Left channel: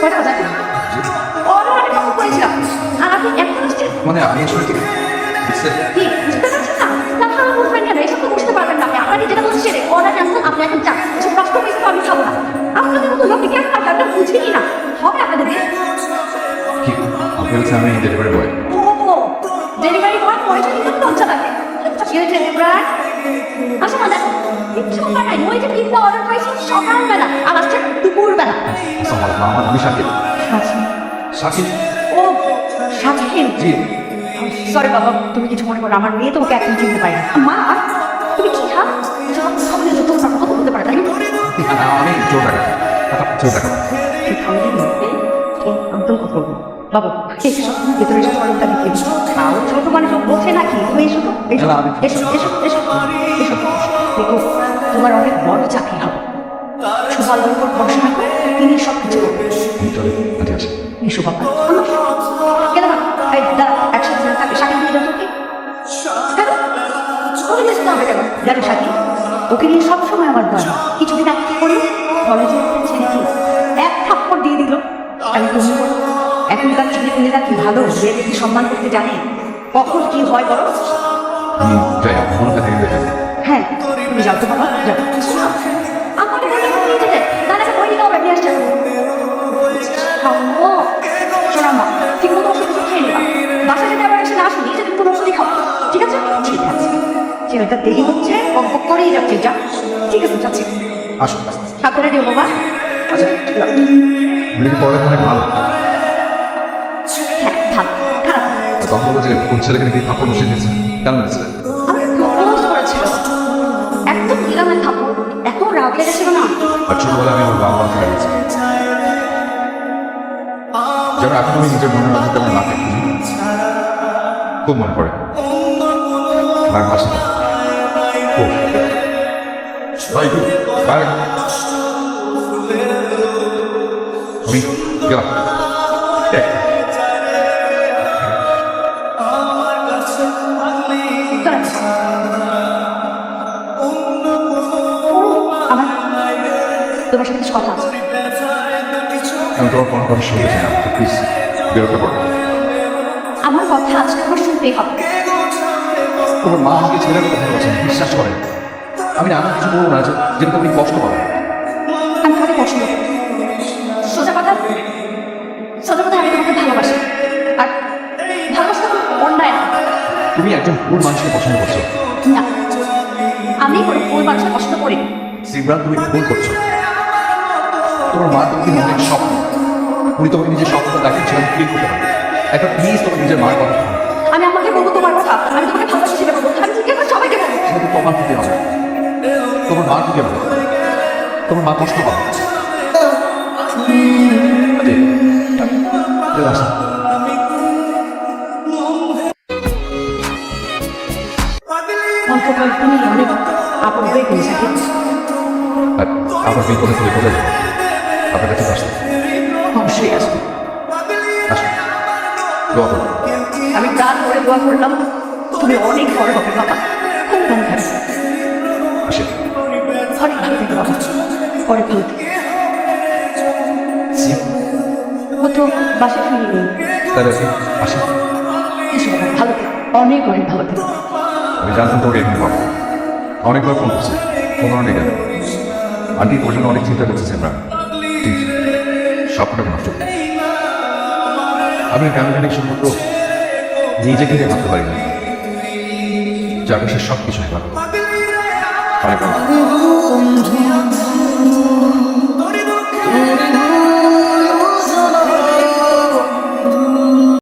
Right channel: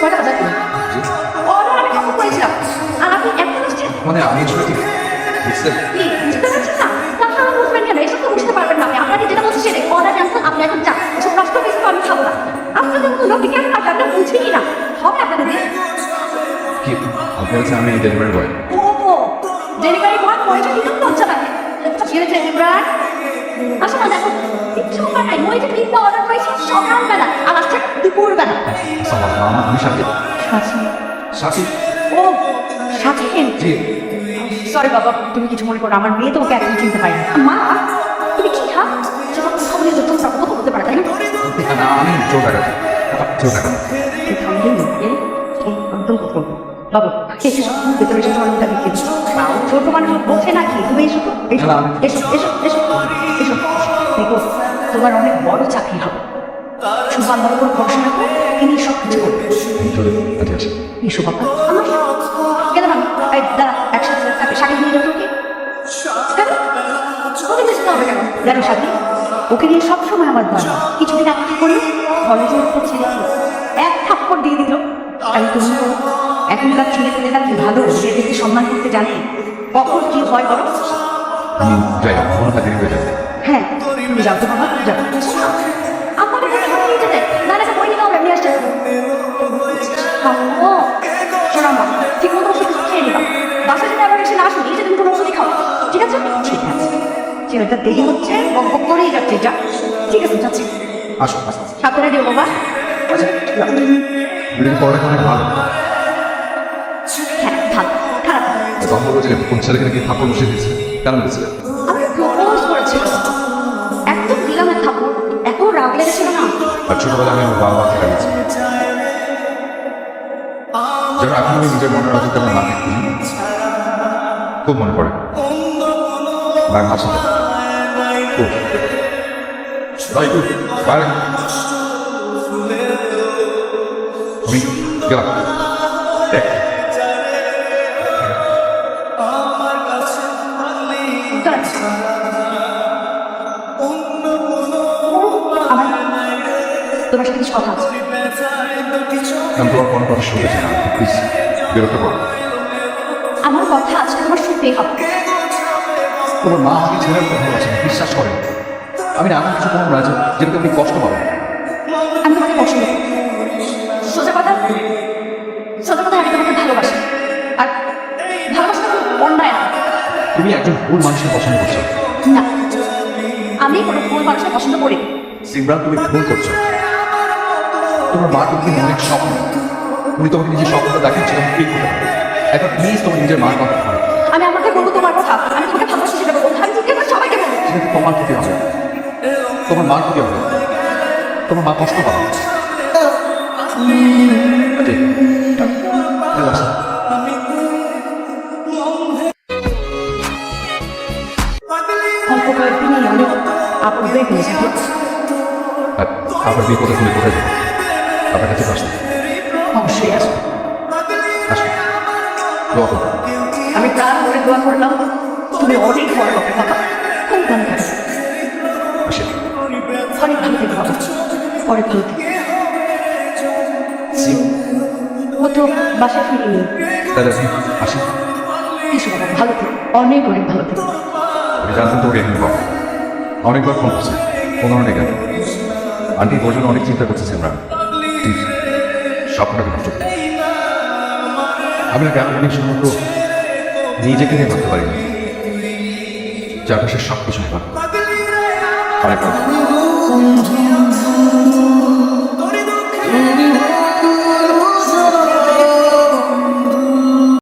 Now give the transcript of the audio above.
কয়টা বাজে? ওরা আমি ফোন করেছিলাম আর আপনি একটা আসছেন মানে আমি আসলে কি বুঝতে কি বুঝতে পারছেন না? আপনারা বুঝবেন কেন? এসব তো বুঝতে পারবেন না। আমি আপনাকে যেটা বলছি সেটাই। অর্ডার ক্যান্সেল, আপনি এখন যান। এসব প্রশ্ন কিন্তু আমি খাবো না। আপনাদের মতো লোকে কেন পারবে? আপনারা বুঝেই না। হবে আপনাদের দিয়ে? কি আপনি হচ্ছে আমি ডেলিভারি বয়। ও ডেলিভারি বয় পয়সা দিতে লজ্জা লাগে। কি হয়েছে প্রায়? আসো না দেখো কিচ্ছু করার নাই। ওই যে পিৎজা অর্ডার করেছি সকালবেলা আর আসছে দুপুরবেলা। আমার আমি সাকিব। আচ্ছা সাকিব ও সাথীন জি। সরি বাবা, তুমি কিছু মনে করো, আমার মেয়ে তোমাকে এখন চিনতে পারেনি। মা তুমি কি খা বলে যত কথা বলতে পারে তাই না? আমি জোর টাকা জোর টাকা একদম কথা বলবো বাবু, এসো ভেতরে এসে তোমার মুখটা দেখিয়ে দিচ্ছি। ছোট মানুষ বলছে নাকি? তুমি এসো তো, এসো এসো এসো এসো এসো। তোমার অনেক বড় চাকরি হবে। শুধু আল্লাহর উপর ভরসা রাখো, তিনি সব কিছু করবেন। এসো বাবা আমার কেন মানে এই দাঁড়া একসাথে থাকে সাথে নিয়ে যাচ্ছ কি কেন ওকে বেশি না কেন জানো সাথী ওকে নিয়ে সবসময় আমার ভয় কিছুদিন আগে কি করলো কলেজে ছেলে কি এক থাপ্পড় দিয়ে দিল আমি তুমি এখনকার ছেলে পেলেরা কি ভালো মেয়েদেরকে সম্মান করতে জানে কখন কি হয় বলো আমি যাই মনে হয় দেরি হয়ে যাবে। হ্যাঁ তুমি যাও তো বাবা যাও আমার কাছে নিয়ে যেতে দাঁড়া বই নিতে হবে নিয়ে আসছে শোনা মা ঠিক মতো ওষুধ খেয়ে নিবা বাসা যদি আমি এসে না আসুন এই যে তুমি কোনো ওষুধই খাও ঠিক আছে ঠিক আছে ছেলেটা দেরি হচ্ছে বক করেই যাচ্ছে যা ঠিক আছে যাচ্ছি আসো সাবধানে দিও বাবা আচ্ছা এটা পড়ালেখা অনেক ভালো। হ্যাঁ ভালো খারাপ তখন বলবো যে কোন ছেলেকে নাকি থাপ্পড় বসিয়ে দিয়েছে কেন বলেছিলে? আমি প্রপোজ করেছিল একদম দিলাম না থাপ্পড় এখন রাগ লেগেছিল না আর ছোটবেলা আমি আমার বাবা মাকে হারিয়েছি যেন এখন আমি নিজের মনের মাঝে তেমন না থাকি খুব মনে পড়ে আর হাসি পায়। ও ভাই তুই বাইরে আমি গেলাম দেখ আমার তোমার সাথে কিছু কথা আছে আমি তোমার কোনো কথা শুনতে চাই না প্লিজ বিরক্ত করো। আমার কথা আছে তোমার শুনতেই হবে তোমার মা আমাকে ছেড়ে কথা বলছেন বিশ্বাস করেন আমি না এমন কিছু করবো না যে যেটা তুমি কষ্ট পাবো। আমি তোমাকে পছন্দ করি সোজা কথা আমি তোমাকে ভালোবাসি আর ভালোবাসা তো অন্যায় না তুমি একজন ভুল মানুষকে পছন্দ করছো। না আমি কোনো ভুল মানুষকে পছন্দ করি না সিমরান তুমি ভুল করছো। তোমার মা তুমি অনেক স্বপ্ন উনি তোমাকে নিজের স্বপ্নটা দেখাচ্ছিল ফিল করতে পারে এখন প্লিজ তোমার নিজের মার কথা বলো। আমি আমাকে বলবো তোমার কথা আমি তোমাকে ভালোবাসি সেটা বলবো আমি ঠিক আছে সবাইকে বলবো সেটা তোমার ক্ষতি হবে তোমার মার ক্ষতি হবে তোমার মা কষ্ট পাবে। অল্প কয়েকদিনই অনেক আপন হয়ে ফেলেছে আপনার বিপদে তুমি কোথায় যাবো আপনার কাছে আসবে অবশ্যই আসবো আসবে দোয়া করো। আমি প্রাণ করে দোয়া করলাম তুমি অনেক বড় হবে বাবা খুব ভালো থাকবে আসে অনেক ভালো থেকে বাবা অনেক ভালো থেকে ও তো বাসায় ফিরে নেই তাহলে আপনি আসি কিছু না, ভালো থেকো অনেক অনেক ভালো থেকো আমি জানতাম তোকে এখানে পাবো অনেকবার ফোন করছি ফোন নেই কেন আন্টি তোর জন্য অনেক চিন্তা করতেছে আমরা ঠিক স্বপ্নটাকে নষ্ট করি আমি না কেমন জানি শুধুমাত্র নিজেকে নিয়ে ভাবতে পারি না যার সে সব কিছু ভাবে অনেক ভালো